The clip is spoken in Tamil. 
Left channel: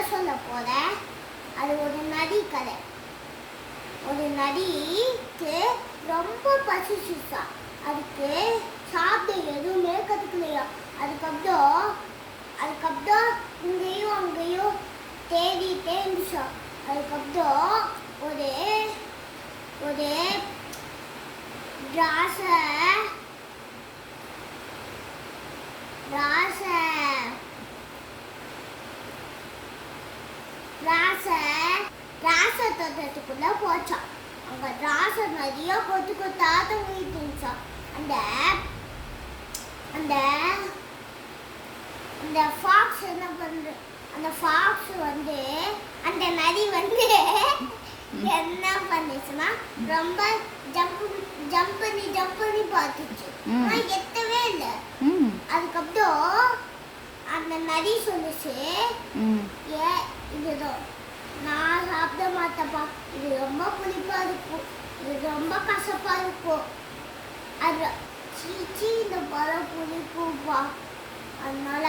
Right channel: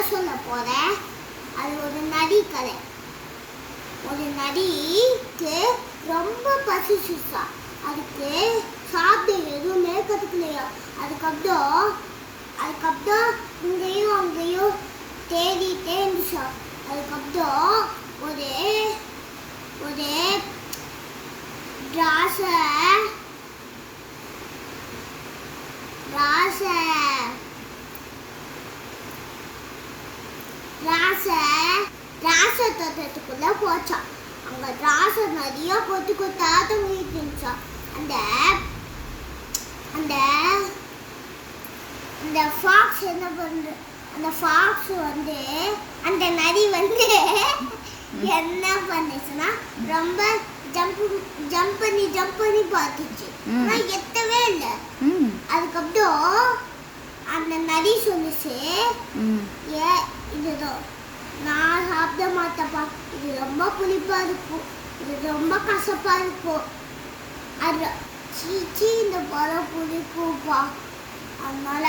கதை சொல்ல போகிறேன். அது ஒரு நரி கதை. ஒரு நரிக்கு ரொம்ப பசிச்சுச்சா. அதுக்கு சாப்பிட எதுவுமே கற்றுக்கலையா. அதுக்கப்புறம் இங்கேயும் அங்கேயும் தேடிட்டே இருந்துச்சா. அதுக்கப்புறம் ஒரு ஒரு ராசை தோட்டத்துக்குள்ள போச்சான். அங்க ராசை நிறைய கொத்து கொத்தா தொங்கிட்டு இருந்துச்சான். அந்த ஃபாக்ஸ் என்ன பண்ற, அந்த ஃபாக்ஸ் அந்த நரி என்ன பண்ணுச்சுன்னா ரொம்ப ஜம்ப் பண்ணி பார்த்துச்சு. எத்தவே இல்லை. அதுக்கப்புறம் அந்த நரி சொல்லுச்சு, இதுதான் நான் சாப்பிட மாட்டேப்பா, இது ரொம்ப புளிப்பா இருக்கும், இது ரொம்ப கசப்பா இருக்கும், அது சீச்சி இந்த பழம் புளிப்புப்பா, அதனால